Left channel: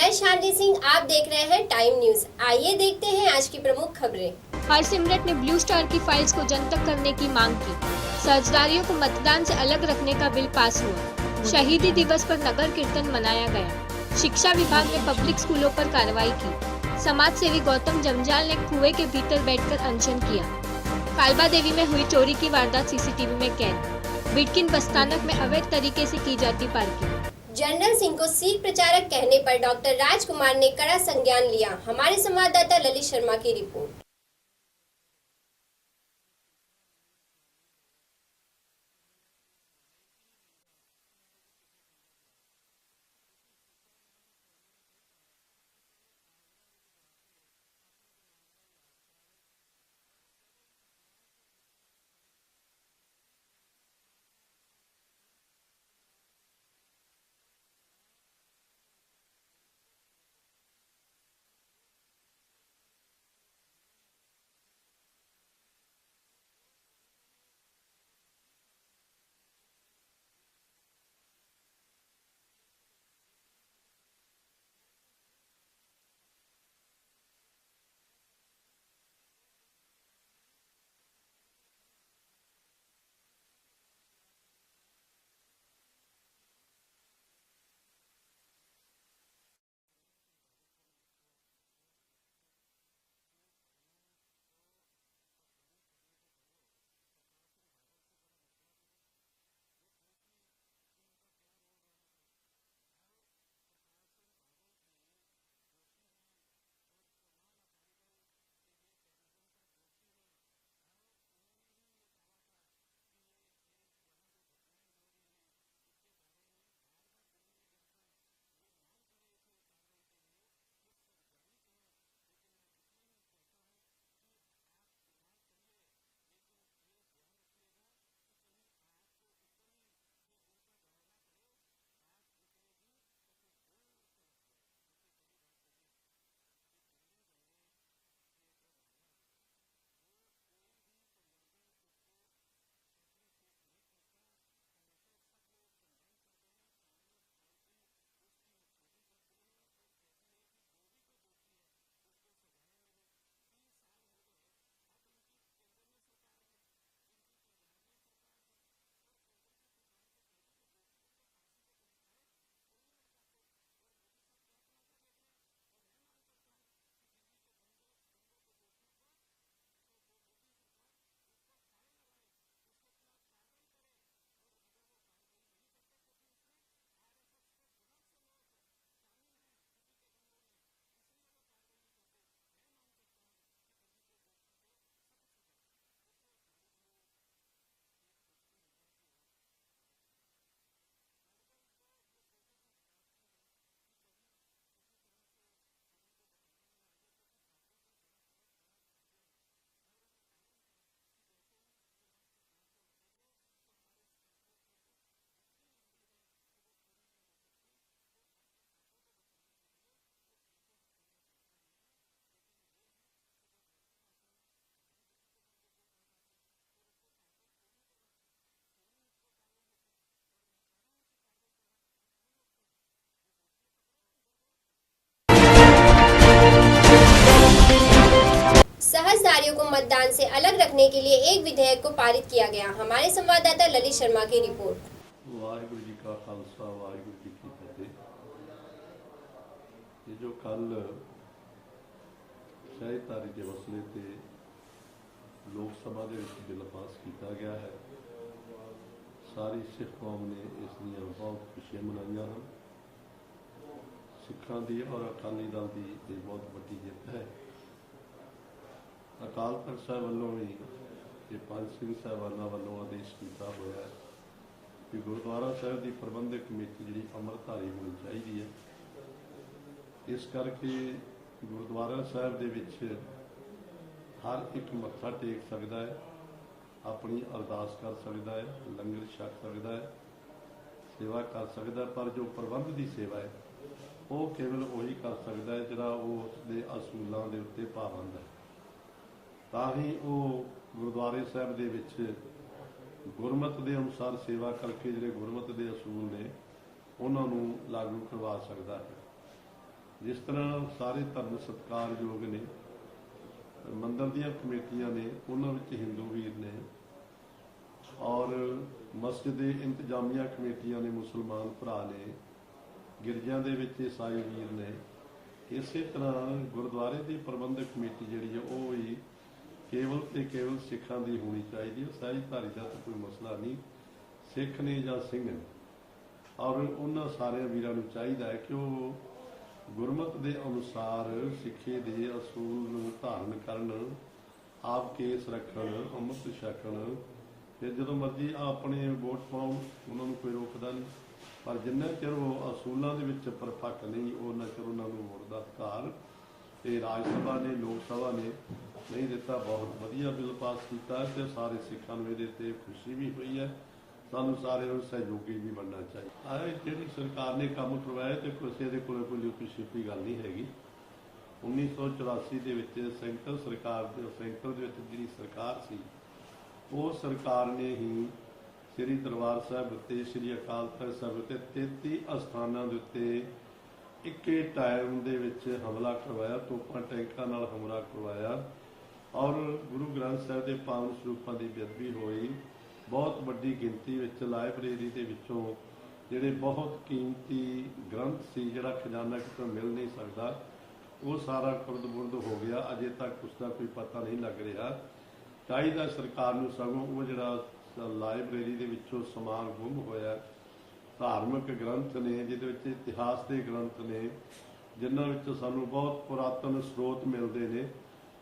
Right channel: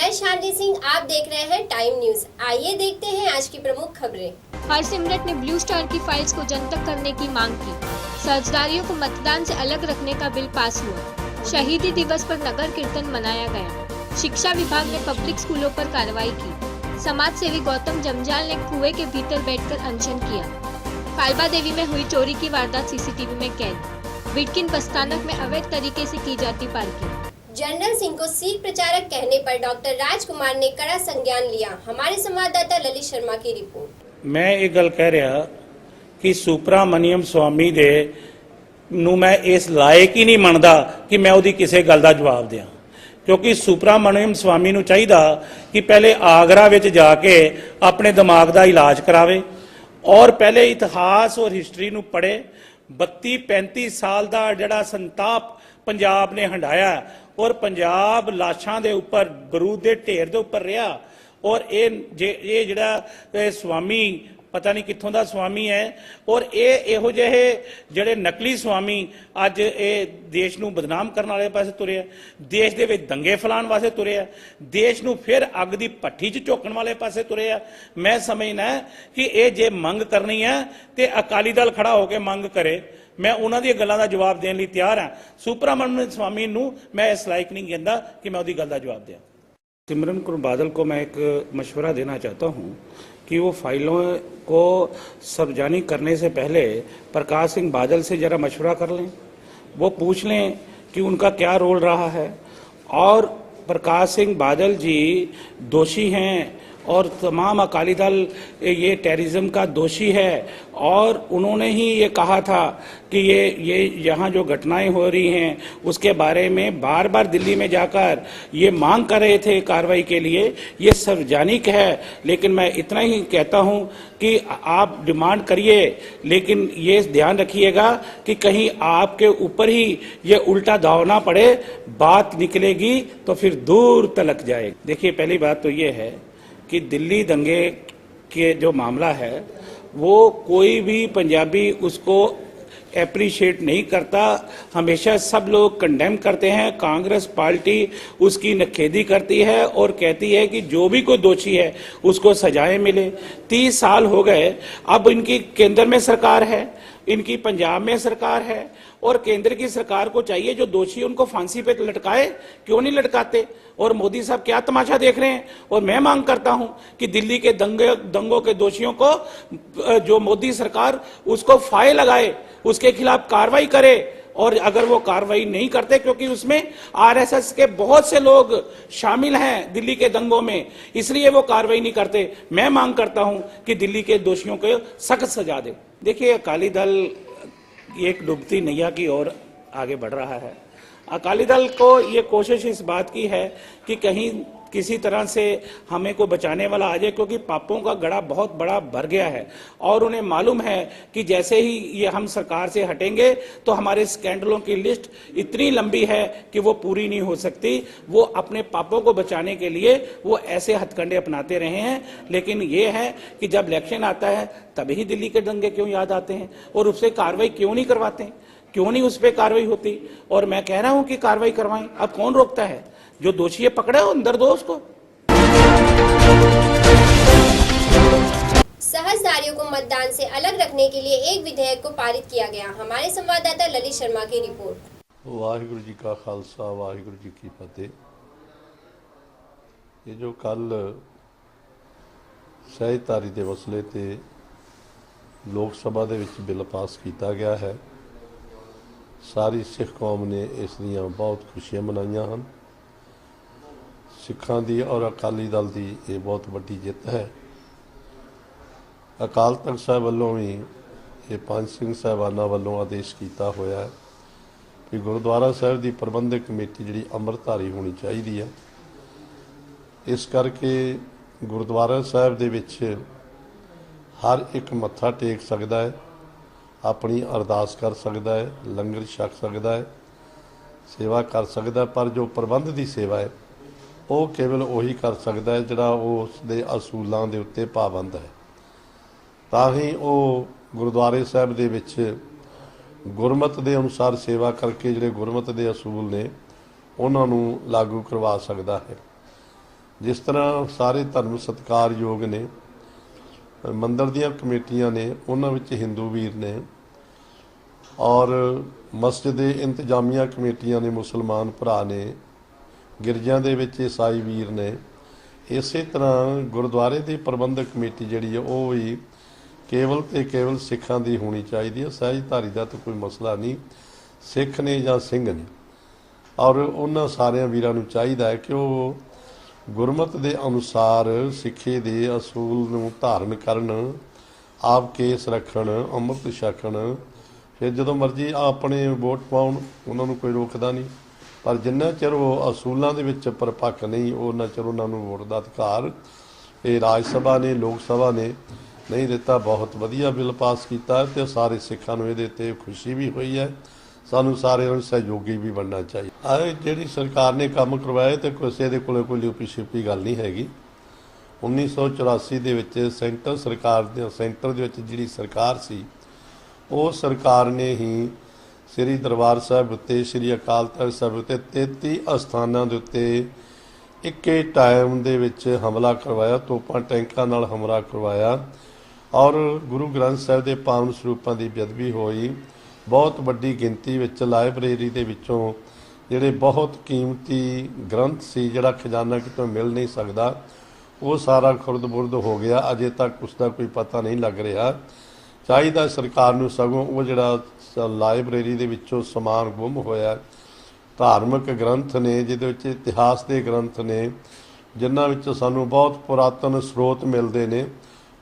मैं शालिनी सिंह, आप देख रहे हैं टाइम न्यूज। आइए देखते हैं आज की प्रमुख खबरें। हरसिमरत ने ब्लू स्टार की फाइल्स को जनतक करने की मांग की। फर्जदारियों को मतदान से अलग रखने का बिल पास हुआ। शहीदी दिवस पर नगर कीर्तन मनाया गया। शिक्षा विभाग ने पब्लिक स्कूलों पर कार्रवाई की। समाज सेवी गौतम जमजाल ने कुएं के भीतर बैठकर अनशन किया। कालबा देवी में हुई चोरी की वारदात सीसीटीवी में कैद। बिटकिन बस्तानक में अवैध तरीके से की जाती पार्किंग। जनरल सिंह को सीख प्रचारक कहने पर डॉक्टर राजकुमार ने कड़ा संज्ञान लिया। हमारे संवाददाता ललित शर्मा की रिपोर्ट। मैं ये गल कह रहा कि सुपरामनियम स्वामी दे नूं मैं इस लायक ही नहीं मनदा कि मैं उहदी किसी गल दा जवाब दियां, क्योंकि सुपरामनियम स्वामी नूं चाहीदा कि पहले आगरा विच जाके अपने दिमाग का इलाज करावे और पहले इतिहास और हिस्टरी नूं पढ़े। 32-35 साल का जिहड़ा संताप पंजाब ने हंडाया और पंजाब लाशां दे उपर बरूद के ढेर दे उपर रहा और ये जिहड़ा स्वामी पता नहीं कित्थों दा स्वामी है और ये इहो जिहे जिहड़े नकली स्वामी अज ये देश नूं बदनाम करने वाले पासे तुरे आ, देश दे विच दंगे फैलाउण वास्ते तुरे आ, देश नूं फिर अग दी भट्ठी च झोकण वाले पासे तुरे आ। मैं समझना कि ये जे मंग करनी है तो अकाली दल खड़ा होकर मंग करे। मैं उन्हां दी गल्लां दा जवाब देने लई तैयार हाँ। सुपरामनियम स्वामी नूं मैं इस लायक नहीं कहंदा कि मैं उहदी गल दा जवाब दियां। सिमरन कौर बादल को मैं एक मशवरा देना चाहता हूं कि वो फाइलों को सार्वजनिक करने से पहले प्रकाश सिंह बादल से जरा मशवरा कर लें, वो पूछ लें कि उनका क्या रोल रहा है। और प्रकाश सिंह बादल जी दोषी हैं और तमाम अकाली दल ये टेररिज्म का दोषी है और उन्होंने ही ये कहा था कि ये यहाँ जो घटनाएं हो रही हैं उसके बारे में बार बार दिल्ली में जाकर ये मांग कर रहे थे कार्रवाई के लिए। ये सार्वजनिक है, लेकिन मैं इतना ही कहता हूँ कि आप डिमांड करिए, लेकिन ये ध्यान रखिएगा कि कहीं आपके ऊपर ही ये उल्टा दाव ना पड़े, बात निकलेगी तो फिर दूर तलक जाएगी। देखिए, पहली बात तो ये है कि दिल्ली दंगे के जो मामला है वो कोई भी पंजाबी उसको एप्रिशिएट नहीं करता। हमेशा सब लोग कंडेम करते हैं। कांग्रेस पार्टी उसकी नखेदी करती है और कहती है कि जो भी कोई दोषी है उसको सजाएं मिले। 30 साल हो गए, अब इनकी केंद्र में सरकार है, इनकी पंजाब में सरकार है और केंद्र की सरकार को चाहिए जो दोषी उनको फांसी पे लटकाए। क्यों नहीं लटकाते? और मोदी साहब क्या तमाशा देख रहे हैं? और मैं मांग करता हूं कि दिल्ली के दंगों के दोषियों को जो मोदी सरकार उसको फाहे लगाए, उसके खिलाफ कार्रवाई करे। और अगर वो कार्रवाई नहीं करते, क्योंकि उसमें आरएसएस के बहुत से लोग शामिल हैं दिल्ली के दंगों में, इसलिए वो कार्रवाई नहीं करते। मैं मांग करता हूं कि दिल्ली के दोषियों को सख्त सजा दे। देखिए, अकाली दल एक डूबती नैया की ओर आगे बढ़ रहा है। अकाली दल को ये कोशिश इस बात की है कि कहीं किसी तरह से हमें को बचाने वाला आ जाए, क्योंकि पापों का गड़ा बहुत बड़ा भर गया है और उन्हें मालूम है कि जैसे ही ये हम सरकार से हटेंगे तो हमारे स्कैंडलों की लिस्ट इतनी लंबी है कि वो पूरी नहीं हो सकती। वो अपने पापों को बचाने के लिए वो ऐसे हथकंडे अपनाते रहे हैं, लेकिन ये है कि जब इलेक्शन आता है तभी दिल्ली के दंगे क्यों याद आते हैं और उससे कार्रवाई क्यों नहीं करवाते, क्यों नहीं उस पर कार्रवाई होती। और मैं कह रहा हूं कि कार्रवाई करवाएं। अब कौन रोकता है? जो दोषी है पकड़े, हो अंदर दो उसको। सहजदारियों को मतदान से अलग रखने के लिए एक विधेयक को पारित किया गया। हमारे संवाददाता ललित शर्मा की रिपोर्ट। वाहिगुरु जी का खालसा, वाहिगुरु जी की फतेह। ये जो कल सहजधारी के मसले ते लोक सभा दे विच बिल पास किया गया है, सारी सिख कौम ने इस दियां बहुत खुशियां मनाइयां हैं। सिखां दी और अकाली दल की ये बहुत वड्डी जित है। अकाल तख्त साहब वालों भी ये 5 सिंह साहबाना वालों आदेश किया होया है कि गुरुद्वारा साहब की प्रबंधक कमेटी जी अमृतधारी होनी चाहिए है। इस करके गुरुद्वारा साहब दे विच हर एक मत्था टेक सकता है, अपनी अरदास कर सकता है, लंगर छक सकता है, सेवा कर सकता है, पर जो प्रबंध की सेवा है वो केवल उही कर सकता है जिहड़ा उसके असूलों के उत्ते पाबंद है। ताही वो गुरुद्वारे साहब दे विच गुरमत के अनुसार सेवा करके जिहड़े गुरमत के असूल ने उन्होंने लागू करवा सकता है। ਜਿਸ ਤਰ੍ਹਾਂ ਸਾਰੇ ਧਰਮ ਸਤਿਕਾਰਯੋਗ ਨੇ, ਮੰਦਰ ਦੀਆਂ ਕਮੇਟੀਆਂ ਨੇ, ਉਹਨਾਂ ਵਿੱਚ ਹਿੰਦੂ ਵੀਰ ਨੇ ਔਰ ਮਸਜਿਦ ਦੇ ਇੰਤਜ਼ਾਮੀਆ ਕਮੇਟੀਆਂ ਨੇ, ਮੁਸਲਮਾਨ ਭਰਾ ਨੇ, ਗਿਰਜਿਆਂ ਦੇ ਵਿੱਚ ਈਸਾਈ ਵੀਰ ਨੇ। ਇਸੇ ਤਰ੍ਹਾਂ ਗੁਰਦੁਆਰੇ ਦੀ ਪ੍ਰਬੰਧਕ ਕਮੇਟੀ ਜਿਹੜੀ ਹੈ ਉਹ ਵੀ ਕੇਵਲ ਤੇ ਕੇਵਲ ਸਿੱਖਾਂ ਦੀ ਹੋਣੀ ਚਾਹੀਦੀ ਹੈ। ਸਹਿਜਧਾਰੀ ਦਾ ਤਾਂ ਕੋਈ ਮਸਲਾ ਨਹੀਂ, ਸਿੱਖ ਨੇ ਜਾਂ ਸਿੰਘ ਨੇ। ਔਰ ਉਹਨਾਂ ਸਾਰਿਆਂ ਵੀਰਾਂ ਨੂੰ ਚਾਹੀਦਾ ਹੈ ਕਿ ਉਹ ਗੁਰਮਤਿ ਦੇ ਅਨੁਸਾਰ ਸਿੱਖੀ ਦੇ ਅਸੂਲ ਨੂੰ ਧਾਰਨ ਕਰਨ, ਆਪ ਕੇਸ ਰੱਖਣ, ਅੰਮ੍ਰਿਤ ਛਕਣ। ਫਿਰ ਜਦੋਂ ਮਰਜ਼ੀ ਆਪਣੇ ਵੋਟ ਪਾਉਣ, ਉਹਨਾਂ ਨੂੰ ਕੋਈ ਰੋਕਦਾ ਨਹੀਂ। ਪਰ ਜਿੰਨਾ ਚਿਰ ਉਹ ਅਸੂਲਾਂ ਦੇ ਵਿੱਚ ਪਰਪੱਕ ਨਹੀਂ, ਉਹਨਾਂ ਚਿਰ ਉਹਨਾਂ ਨੂੰ ਵੋਟ ਦਾ ਅਧਿਕਾਰ ਇਹ ਰਾਜ ਸਭਾ ਨੇ, ਲੋਕ ਸਭਾ ਨੇ ਨਹੀਂ ਦਿੱਤਾ। ਬਹੁਤ ਵਧੀਆ ਬਿੱਲ ਪਾਸ ਕੀਤਾ ਤੇ ਸਾਰੇ ਸਿੱਖਾਂ ਨੂੰ ਇਹਦੇ 'ਤੇ ਖੁਸ਼ੀ ਵੀ ਹੋਈ ਹੈ। ਸਾਨੂੰ ਸਾਰਿਆਂ ਨੂੰ ਸਹਿਯੋਗੀ ਵੀ ਬਣਨਾ ਚਾਹੀਦਾ। ਜਿਹੜੀ ਸਰਕਾਰ ਨੇ ਕੰਮ ਕਰਵਾਏ ਤੇ ਕਿਸੇ ਦੇ ਕੋਲ ਕੋਈ ਲਿਪੀ ਛਿਪੀ ਗੱਲ ਨਹੀਂ ਹੈਗੀ। 1984 ਦੇ ਵਿੱਚ ਸੈਂਟਰ ਦੇ ਵਿੱਚ ਜਿਹੜੀ ਸਰਕਾਰ ਸੀ, ਉਹ ਸਰਕਾਰ ਨੇ ਹੀ ਸ੍ਰੀ ਦਰਬਾਰ ਸਾਹਿਬ ਉੱਤੇ, ਸ੍ਰੀ ਅਕਾਲ ਤਖ਼ਤ ਸਾਹਿਬ ਉੱਤੇ 33 ਅਸਥਾਨਾਂ ਦੇ ਉੱਤੇ ਇੱਕੇ ਟਾਈਮ ਦੇ ਵਿੱਚ ਹਮਲਾ ਕਰਵਾਇਆ, ਤੋਪਾਂ ਟੈਂਕਾਂ ਨਾਲ ਹਮਲਾ ਕਰਵਾਇਆ ਔਰ ਗੁਰੂ ਗ੍ਰੰਥ ਸਾਹਿਬ ਦੇ ਪਾਵਨ ਸਰੂਪਾਂ ਦੀ ਬੇਅਦਬੀ ਹੋਈ। ਬਹੁਤ ਵੱਡੀ ਗਿਣਤੀ ਵਿੱਚ ਲਾਇਬ੍ਰੇਰੀ ਦੇ ਵਿੱਚੋਂ ਜਿਹੜੇ ਬਹੁਤ ਕੀਮਤੀ ਗ੍ਰੰਥ ਸੀ, ਜਿਹੜਾ ਖਜ਼ਾਨਾ ਕਿਤੋਂ ਮਿਲ ਨਹੀਂ ਸਕਦਾ, ਉਹ ਸਾਰਾ ਖੁਰਦ-ਬੁਰਦ ਹੋ ਗਿਆ। ਅਜੇ ਤੱਕ ਉਸ ਦਾ ਕੋਈ ਪਤਾ ਨਹੀਂ ਲੱਗ ਰਿਹਾ। ਚਾਹੀਦਾ ਸਰਕਾਰ ਨੂੰ ਸਗੋਂ ਉਹ ਜਿਹੜਾ ਲਾਇਬ੍ਰੇਰੀ ਦੇ ਵਿੱਚੋਂ ਸਮਾਨ ਗੁੰਮ ਹੋਇਆ, ਧਾਰਮਿਕ ਗ੍ਰੰਥ ਨੇ ਜਿਹਦੇ ਵਿੱਚ ਇਤਿਹਾਸ ਦੇ ਗ੍ਰੰਥ ਨੇ, ਜਿਨ੍ਹਾਂ ਵਿੱਚੋਂ ਸਾਨੂੰ ਬਹੁਤ ਪੁਰਾਤਨ ਸਰੋਤ ਮਿਲਦੇ ਨੇ,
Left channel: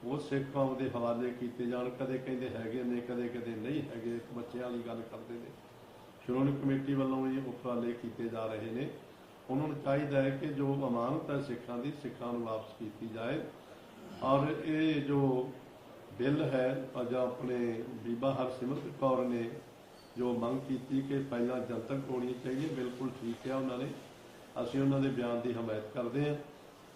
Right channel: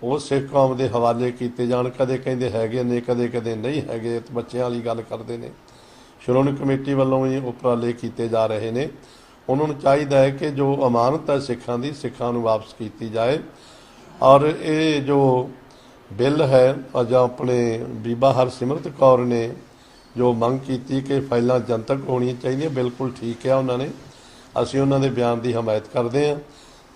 ਉਹ ਸਿੱਖ ਕੌਮ ਦੇ ਹਵਾਲੇ ਕੀਤੇ ਜਾਣ। ਕਦੇ ਕਹਿੰਦੇ ਹੈਗੇ ਨੇ, ਕਦੇ ਕਦੇ ਨਹੀਂ ਹੈਗੇ, ਬੱਚਿਆਂ ਵਾਲੀ ਗੱਲ ਕਰਦੇ ਨੇ। ਸ਼੍ਰੋਮਣੀ ਕਮੇਟੀ ਵੱਲੋਂ ਵੀ ਉਪਰਾਲੇ ਕੀਤੇ ਜਾ ਰਹੇ ਨੇ। ਉਹਨਾਂ ਨੂੰ ਚਾਹੀਦਾ ਹੈ ਕਿ ਜੋ ਅਮਾਨਤ ਹੈ ਸਿੱਖਾਂ ਦੀ, ਸਿੱਖਾਂ ਨੂੰ ਵਾਪਸ ਕੀਤੀ ਜਾਏ। ਔਰ ਇਹ ਜੋ ਬਿੱਲ ਹੈ, ਜਾਂ ਆਪਣੇ ਬੀਬਾ ਹਰਸਿਮਰਤ ਕੌਰ ਨੇ ਜੋ ਮੰਗ ਕੀਤੀ ਕਿ ਫਾਈਲਾਂ ਜਨਤਕ ਹੋਣੀਆਂ ਚਾਹੀਦੀਆਂ, ਬਿਲਕੁਲ ਠੀਕ ਹੈ ਉਹਨਾਂ ਨੇ। ਅਸੀਂ ਉਹਨਾਂ ਦੇ ਬਿਆਨ ਦੀ ਹਮਾਇਤ ਕਰਦੇ ਹਾਂ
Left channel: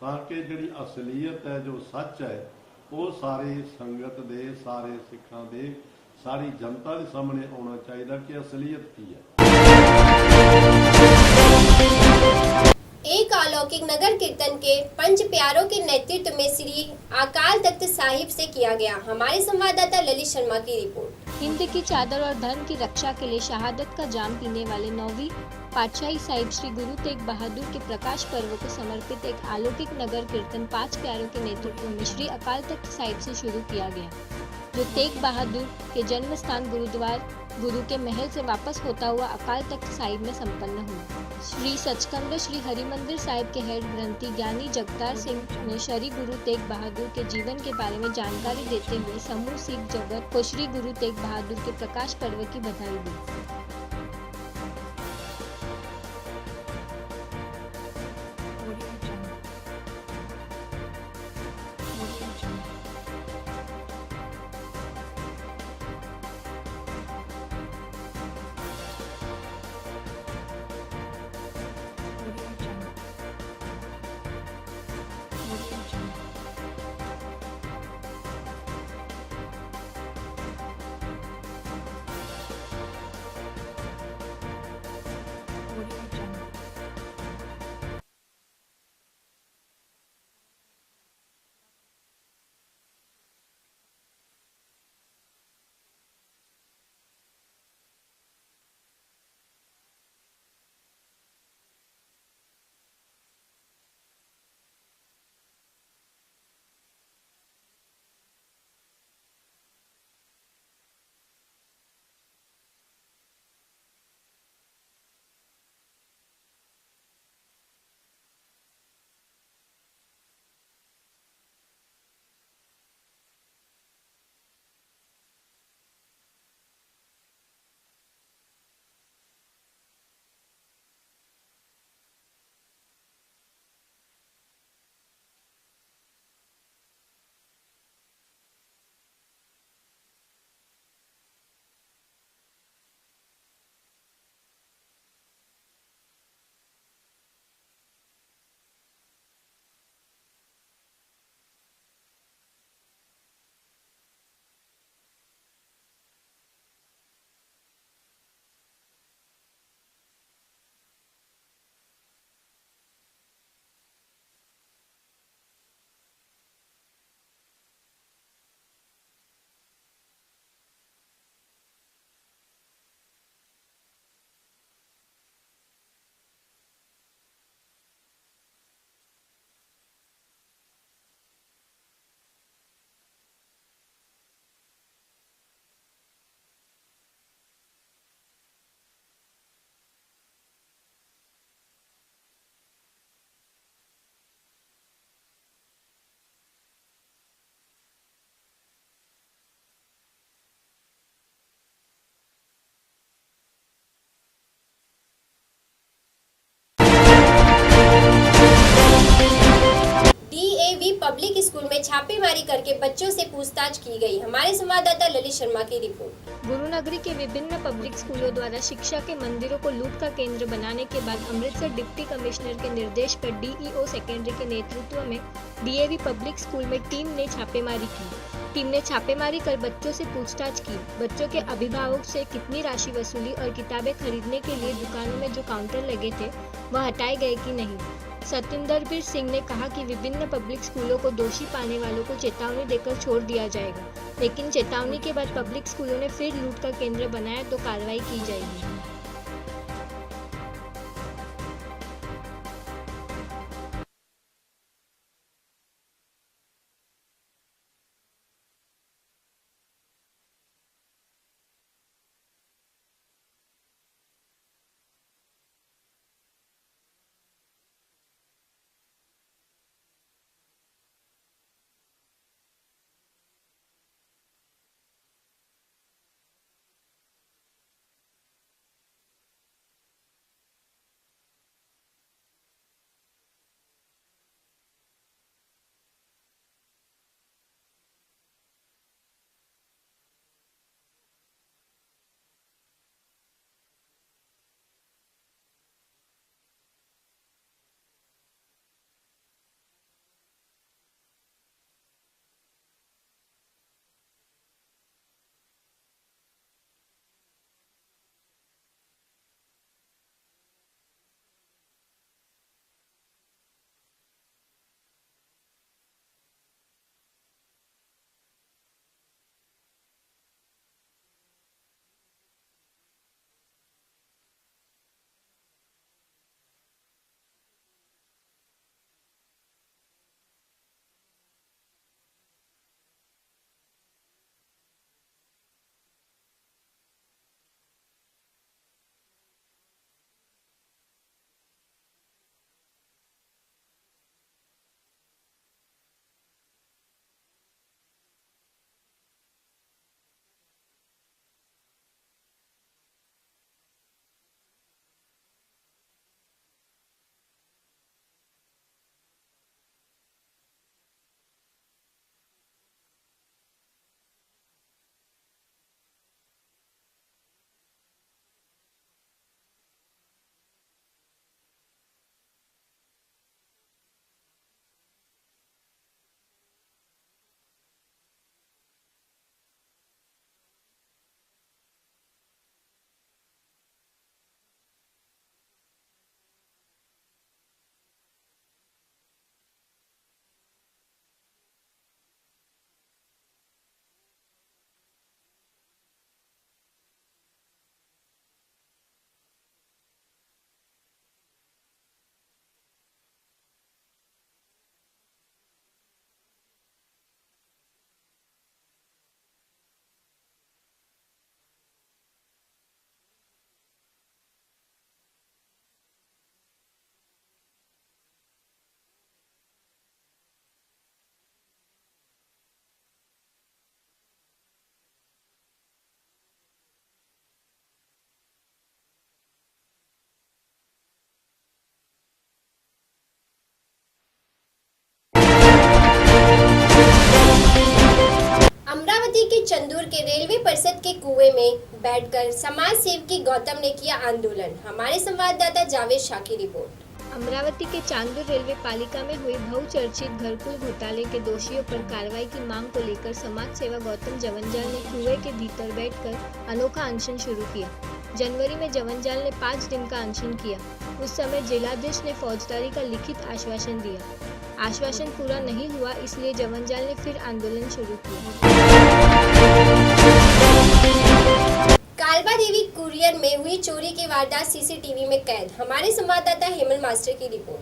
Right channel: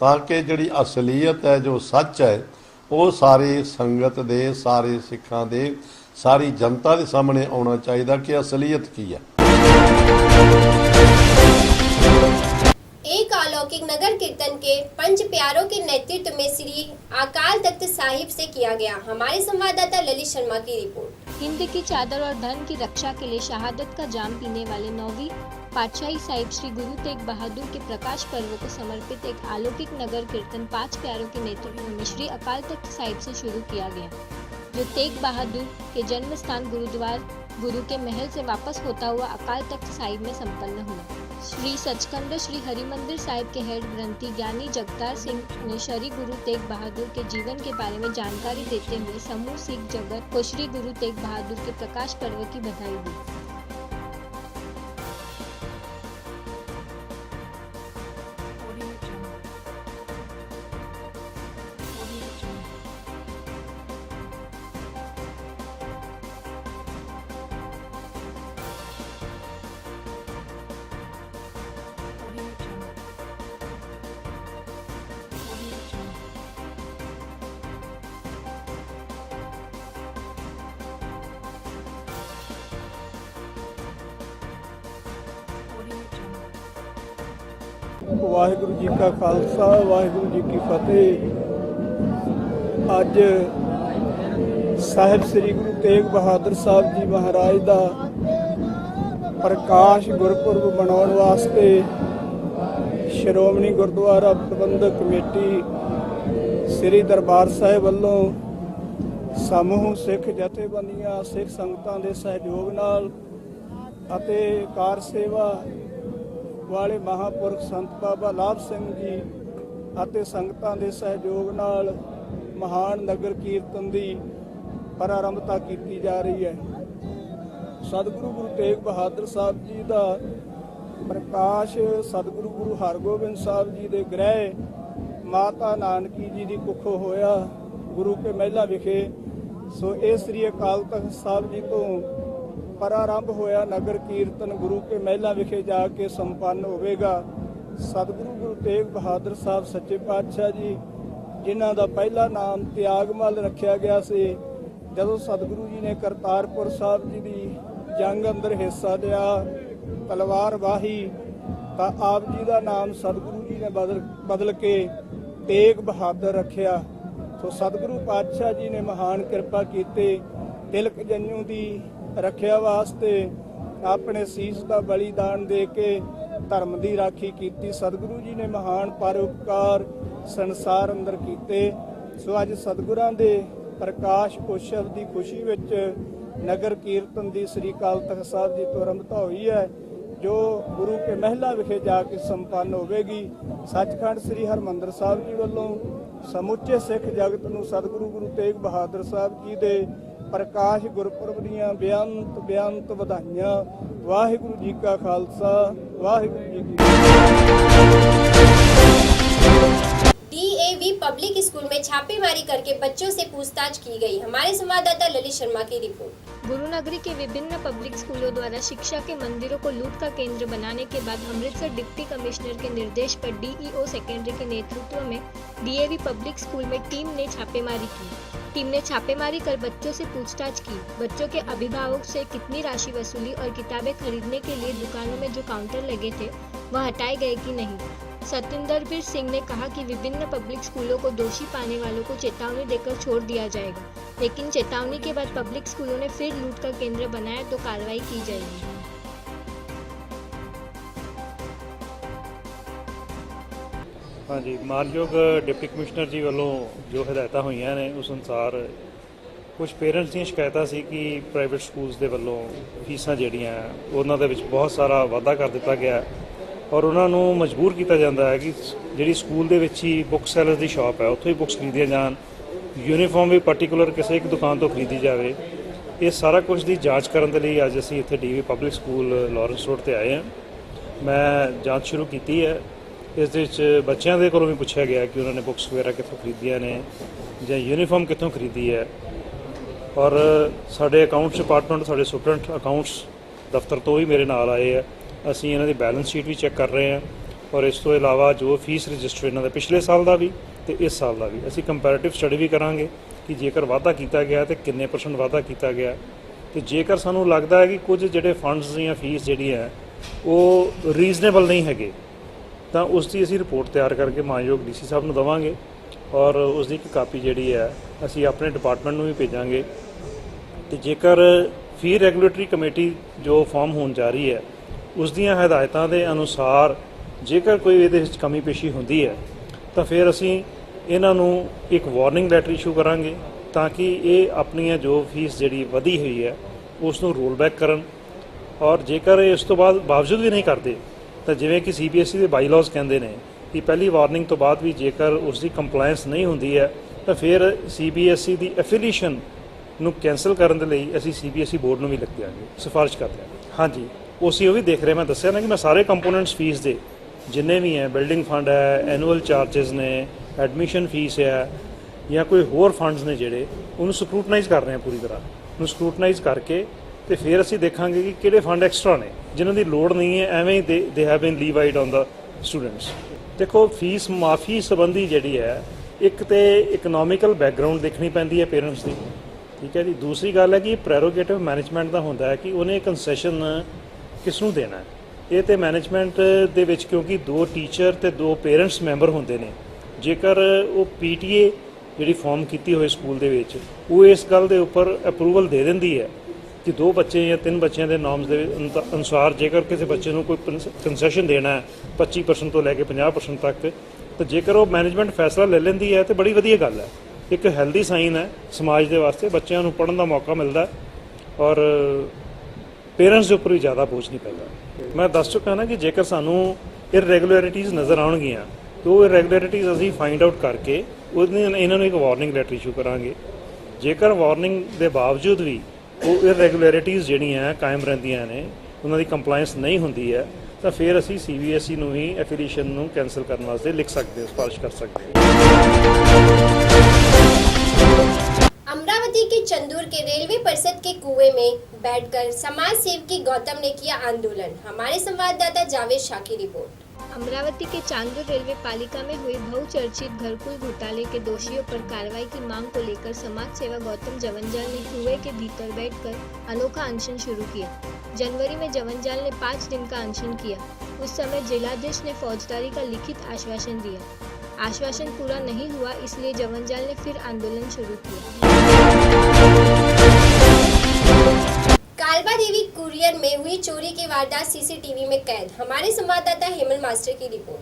ਤਾਂ ਕਿ ਜਿਹੜੀ ਅਸਲੀਅਤ ਹੈ, ਜੋ ਸੱਚ ਹੈ, ਉਹ ਸਾਰੀ ਸੰਗਤ ਦੇ, ਸਾਰੇ ਸਿੱਖਾਂ ਦੇ, ਸਾਰੀ ਜਨਤਾ ਦੇ ਸਾਹਮਣੇ ਆਉਣਾ ਚਾਹੀਦਾ ਕਿ ਅਸਲੀਅਤ ਕੀ ਹੈ। एक अलौकिक नगर कीर्तन के पंच प्यारों के नेतृत्व में श्री अकाल तख्त साहिब से किया गया। हमारे संवाददाता ललित शर्मा की रिपोर्ट। हिंद की चादर और धर्म की रक्षा के लिए शहादत का जाम पीने वाले 9वीं पातशाही साहिब श्री गुरु तेग बहादुर के प्रकाश पर्व को समर्पित एक अलौकिक नगर कीर्तन 5 प्यारों के नेतृत्व में श्री अकाल तख्त साहिब से शुरू किया गया, जो तेग बहादुर के जन्म स्थान गुरुद्वार गुरु के महल से वापस होता हुआ अकाल तख्त साहिब में संपन्न हुआ। श्री सचखंड श्री हरिमंदिर साहिब के हेड ग्रंथी ज्ञानी जगतार सिंह ने श्री गुरु तेग बहादुर के जीवन के बारे में जानकारी देते हुए समूह सिख जगत को श्री गुरु तेग बहादुर के प्रकाश पर्व की बधाई दी। ਵਾਹਿਗੁਰੂ ਜੀ ਕਾ ਖਾਲਸਾ, ਵਾਹਿਗੁਰੂ ਜੀ ਕੀ ਫਤਿਹ। ਅੱਜ ਸਾਹਿਬ ਸ੍ਰੀ ਗੁਰੂ ਤੇਗ ਬਹਾਦਰ ਸਾਹਿਬ ਜੀ ਮਹਾਰਾਜ ਦਾ ਪ੍ਰਕਾਸ਼ ਗੁਰਪੁਰਬ ਮਨਾਉਣ ਵਾਸਤੇ ਸ਼੍ਰੋਮਣੀ ਗੁਰਦੁਆਰਾ ਪ੍ਰਬੰਧਕ ਕਮੇਟੀ ਸ੍ਰੀ ਦਰਬਾਰ ਸਾਹਿਬ ਵੱਲੋਂ ਸਮੂਹ ਸਿੱਖ ਜਥੇਬੰਦੀਆਂ, ਸਿੱਖ ਸੰਗਤਾਂ ਦੇ ਸਹਿਯੋਗ ਨਾਲ ਅਤੇ ਕਾਰ ਸੇਵਾ ਵਾਲੇ ਮਹਾਂਪੁਰਖ ਸੰਤ ਬਾਬਾ ਲਾਭ ਸਿੰਘ ਜੀ ਅਤੇ ਸੰਗਤਾਂ ਦੇ ਸਹਿਯੋਗ ਨਾਲ ਮਹਾਨ ਨਗਰ ਕੀਰਤਨ ਦੀ ਪ੍ਰਾਰੰਭਤਾ ਕੀਤੀ ਜਾ ਰਹੀ ਹੈ। ਸਤਿਗੁਰੂ ਗੁਰੂ ਤੇਗ ਬਹਾਦਰ ਸਾਹਿਬ ਜੀ ਦਾ ਪ੍ਰਕਾਸ਼ ਸਤਿਗੁਰੂ ਗੁਰੂ ਹਰਗੋਬਿੰਦ ਸਾਹਿਬ ਜੀ ਦੇ ਗ੍ਰਹਿ ਮਾਤਾ ਨਾਨਕੀ ਜੀ ਦੀ ਕੁੱਖੋਂ ਹੋਇਆ ਗੁਰੂ ਕੇ ਮਹਿਲਾ ਵਿਖੇ। ਸੋ ਇਹ ਸ੍ਰੀ ਅਕਾਲ ਤਖ਼ਤ ਸਾਹਿਬ ਜੀ ਤੋਂ ਪ੍ਰਾਰੰਭ ਹੋਇਆ ਨਗਰ ਕੀਰਤਨ ਗੁਰੂ ਕੇ ਮਹਿਲਾ ਵਿਖੇ ਜਾ ਕੇ ਸੰਪੰਨ ਹੋਵੇਗਾ। ਸਤਿਗੁਰੂ ਗੁਰੂ ਤੇਗ ਬਹਾਦਰ ਸਾਹਿਬ ਸੱਚੇ ਪਾਤਸ਼ਾਹ ਜੀ, ਜਿਨ੍ਹਾਂ ਦਾ ਪਹਿਲਾ ਨਾਮ ਤਿਆਗਮਲ ਰੱਖਿਆ ਗਿਆ ਸੀ, ਜਦੋਂ ਸਤਿਗੁਰੂ ਜੀ ਨੇ ਕਰਤਾਰਪੁਰ ਸਾਹਿਬ ਜੀ ਦੀ ਜੰਗ ਅੰਦਰ ਹਿੱਸਾ ਲਿਆ, ਤਲਵਾਰ ਵਾਹੀ ਤਾਂ ਆਪ ਜੀ ਦਾ ਨਾਮ ਸਤਿਗੁਰੂ ਜੀ ਨੇ ਬਦਲ ਕੇ ਤੇਗ ਬਹਾਦਰ ਰੱਖਿਆ। ਸੋ ਸਤਿਗੁਰੂ ਪਾਤਸ਼ਾਹ ਜੀ ਨੇ ਮਹਾਨ ਕਿਰਪਾ ਕੀਤੇ। ਤਿਲਕ ਜੰਨੂ ਦੀ ਰੱਖਿਆ ਵਾਸਤੇ ਆਪਣੇ ਸੀਸ ਦਾ ਬਲੀਦਾਨ ਦੇ ਕੇ ਧਰਮ ਦੀ ਰਾਖੀ ਕੀਤੀ। ਸਤਿਗੁਰੂ ਜੀ ਨੇ ਮਹਾਨ ਪਰਉਪਕਾਰ ਸੰਸਾਰ ਅੰਦਰ ਕੀਤੇ। ਸੋ ਅੱਜ ਸਤਿਗੁਰਾਂ ਦੇ ਪ੍ਰਕਾਸ਼ ਉਤਸਵ ਦੀ ਖੁਸ਼ੀ ਵਿੱਚ ਨਗਰ ਕੀਰਤਨ ਦੀ ਸ੍ਰੀ ਅਕਾਲ ਤਖ਼ਤ ਸਾਹਿਬ ਜੀ ਤੋਂ ਆਰੰਭਤਾ ਹੋਈ ਹੈ, ਜੋ ਗੁਰੂ ਕੇ ਮਹਿਲਾ ਵਿਖੇ ਜਾ ਕੇ ਸੰਪੰਨ ਹੋਵੇਗੀ। ਸੱਚਖੰਡ ਸ੍ਰੀ ਹਰਿਮੰਦਰ ਸਾਹਿਬ ਜੀ ਵੱਲੋਂ ਸਮੁੱਚੇ ਸਿੱਖ ਜਗਤ ਨੂੰ ਸਤਿਗੁਰੂ ਗੁਰੂ ਤੇਗ ਬਹਾਦਰ ਸਾਹਿਬ ਜੀ ਦੇ ਪ੍ਰਕਾਸ਼ ਗੁਰਪੁਰਬ ਦੀਆਂ ਬੇਅੰਤ ਵਧਾਈਆਂ। ਵਾਹਿਗੁਰੂ ਜੀ ਕਾ ਖਾਲਸਾ, ਵਾਹਿਗੁਰੂ ਜੀ ਕੀ DAV पब्लिक स्कूल में छापेमारी करके बच्चों से पूछताछ की गई। हमारे संवाददाता ललित शर्मा की रिपोर्ट। गुरुनगरी के विभिन्न पब्लिक स्कूलों द्वारा शिक्षा के मंदिरों को लूट का केंद्र बनाने के बाद अमृतसर डिप्टी कमिश्नर के निर्देश पर DEO सेकेंडरी के नेतृत्व में DAV पब्लिक स्कूल में टीम ने छापेमारी की। टीम ने छापेमारी कर बच्चों से पूछताछ की। बच्चों के अभिभावक से कितनी राशि वसूली और किताबें खरीदने के लिए दुकानों में जो काउंटर लगे थे वह हटाए गए कि नहीं। सतिंदरवीर सिंह ने कहा कि विभिन्न पब्लिक स्कूलों को दोषी पाने वालों को चेतावनी देकर छोड़ दिया जाएगा, लेकिन चेतावनी के बाद पब्लिक स्कूलों ने फिर लूट का केंद्र बनाया तो कार्रवाई की जाएगी। हाँ जी, मानयोग डिप्टी कमिश्नर जी वालों जो हिदायत हुई ने उस अनुसार कुछ पेरेंट्स दी शिकायत सी कि प्राइवेट स्कूल्स के वालों फीसां जिहड़ियां उन्हां दे विच बहुत सारा वाधा कर दिता गया और उन्होंने मजबूर किया जाता है कि जी स्कूल के ही बुक सैलर की शॉप है उत्थों ही बुक्स खरीदिया जान, यूनीफॉर्म भी पर्टिकुलर किसी एक दुकान तो खरीदी जाए। ये सारा कुछ की जाँच करने के लिए अज असी इत्थे DAV public school Lawrence road पर आए हैं। मैं जाँच शुरू की है। इस बच्चों के कोलों भी पूछा गया कि उन्होंने बुक्स वगैरह कितों खरीदिया ने या यूनीफॉर्म कितों खरीदी है। और साढ़े अकाउंट्स डिपार्टमेंट साढ़े सुपरडेंट अकाउंट्स दफ्तर तो ही मेरे नाल आए हैं। ਅਸੀਂ ਇਹਨਾਂ ਦੀ बैलेंस शीट भी चेक कर रहे हैं और इस तो इलावा जो फीस रजिस्टर इन्हों पिछले साल का भी तो इस साल का भी असी कंपैरेटिव स्टडी भी करांगे कि जेकर वाधा किया गया तो किन्ने % वाधा किया गया। तो जेकर सानू लगता है कि कुछ जोड़े फंड्स या फीस जी है वो रीजनेबल नहीं है तो उसकी असी रिपोर्ट तैयार करके मानयोग DC साहब को देवांगे और उसकी एक कापी जी है असी अपने डिपार्टमेंट में भी भेजांगे। तो जेकर फी रैगूलेटरी कमेटी जो फॉर्म होने जा रही है उस दियां हिदायतां दे अनुसार जेकर कोई इहदे विच कमी पेशी हुंदी है तो फिर असी इन्हां नूं एक वार्निंग लैटर इशू करांगे ताकि ये अपनी जो फीस जिहड़ी वधी हुई है उसनूं रोल बैक करन। और जेकर इस तो बाद बावजूद भी नहीं करते तो जिवें कि CBSE के बाईलॉज कहते हैं कि पहली वार्निंग तो बाद भी जेकर उसकी कंप्लायंस नहीं होंदी है तो फिर CBSE की एफिलीएशन नूं कैंसल करने के लिए असी CBSE बोर्ड नूं भी लिख देंगे, सिफारिश करते हैं। हाँ जी, उसी वो भी देख रहे, मैं दसिया ना कि मैं सारे कंपोनेंट्स फीस दे जिन्ने भी हैं, बिल्डिंग फंड है, एनुअल चार्जिज ने, एडमिशन फीस है या कोई होर फंड्स ने जिहड़े उन्होंने स्क्रूटनाइज कर रहे हैं पूरी तरह। उन्होंने स्क्रूटनाइज करके तो फिर असी देखा कि किहड़े फंड एक्सट्रा ने जिन्हों की लोड़ नहीं है एवें ही they have been levied on the students. देखो फीस माफ़ी संबंधी जिहड़ी है एक तो इकनॉमिकल बैकग्राउंड देखनी पैंदी है पेरेंट्स की, ठीक है जी। दूसरी गल है कि प्रेरोगेटिव मैनेजमेंट का होंदा है कि उन्हें कंसैशन किसनूं देना है। ये तो मैनेजमेंट दे विच क्योंकि 2 टीचर ते 2 पेरेंट्स मैंबर होंदे ने, जेकर वो PTA जिहड़ी फॉर्म कीती होए स्कूल दे विच वो इस गल दे उपर अप्रूवल दे दिंदी है कि 2 बच्चे या 3 बच्चों के नॉर्म्स के अनुसार जेकर किसी बच्चे को कोई कंसैशन देना है 25% तो लैके 50% तक, तो जेकर वो मैनेजमेंट फैसला ले लेंदी है तो बड़ी वधिया गल है। एक हैल्दी साइन है समाज के वास्ते, बच्चों को पढ़ने का मौका मिलता है और पेरेंट्स के उपर भी ज़्यादा बोझ नहीं पैदा। मैं दस चुका ना कि जेकर सानू इरेगुलरिटीज़ नज़र आउणगियां तो इरेगुलरिटीज़ असीं फाइंड आउट करके इन्होंने एक वार्निंग लैटर इशू करांगे। जेकर वार्निंग के बावजूद भी वो इरेगुलरिटीज़ जिहड़ियां कायम रहिंदियां ने उन्हां दी कंप्लायंस नहीं हुंदी है तो फिर असीं CBSE नूं ही एफिलीएशन नूं कैंसल करने वास्ते लिख सकते हो, सिफारिश कर सकते हो। अमरावती के चंदूर के रेलवे परिषद के कुएं में बैठकर समाज सेवकी गौतम ने किया आंदोलन। हमारे संवाददाता जावेद शाह की रिपोर्ट। अमरावती के चांदूर रेलवे पालिका में हुई बहुचर्चित घरकुल घोटाले के दोषियों पर कार्रवाई की मांग को लेकर समाज सेवा गौतम जवंजाल ने कुएं के भीतर बैठकर अनोखा अनशन शुरू किया। जनवरी में जवनजाल ने 5 दिन का अनशन किया। उस समय जिलाधीश ने फौजदारी का लिखित आश्वासन दिया। आश्वासन पूरा नहीं हुआ, इसलिए जवनजाल ने फिर आंदोलन शुरू किया। कालबा देवी कुरियर में हुई चोरी की वारदात सीसीटीवी में कैद। हमारे संवाददाता हेमल मास्टर की रिपोर्ट।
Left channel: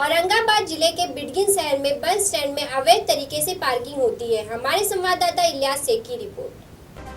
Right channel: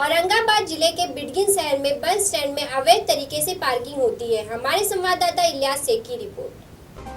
औरंगाबाद जिले के बिडगिन शहर में बस स्टैंड में अवैध तरीके से पार्किंग होती है। हमारे संवाददाता इलियास शेख की रिपोर्ट।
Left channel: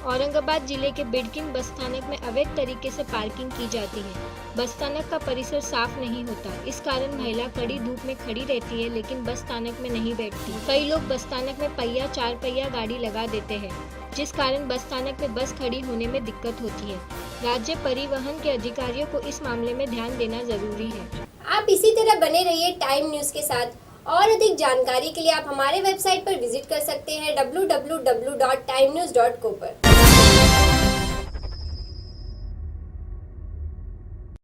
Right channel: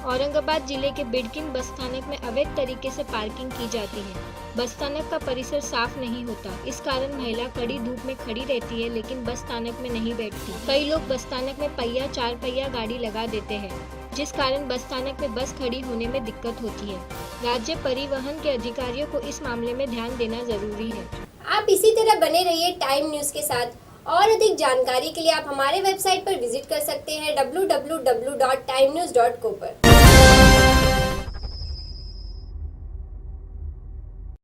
औरंगाबाद जिले के बिडकिन बस स्थानक में अवैध तरीके से पार्किंग की जाती है। बस स्थानक का परिसर साफ नहीं होता, इस कारण महिला कड़ी धूप में खड़ी रहती है, लेकिन बस स्थानक में नहीं बैठती। कई लोग बस स्थानक में पहिया 4 पहिया गाड़ी लगा देते हैं, जिस कारण बस स्थानक में बस खड़ी होने में दिक्कत होती है। राज्य परिवहन के अधिकारियों को इस मामले में ध्यान देना जरूरी है। आप इसी तरह बने रहिए टाइम न्यूज के साथ। और अधिक जानकारी के लिए आप हमारे वेबसाइट पर विजिट कर सकते हैं www.timenews.co पर।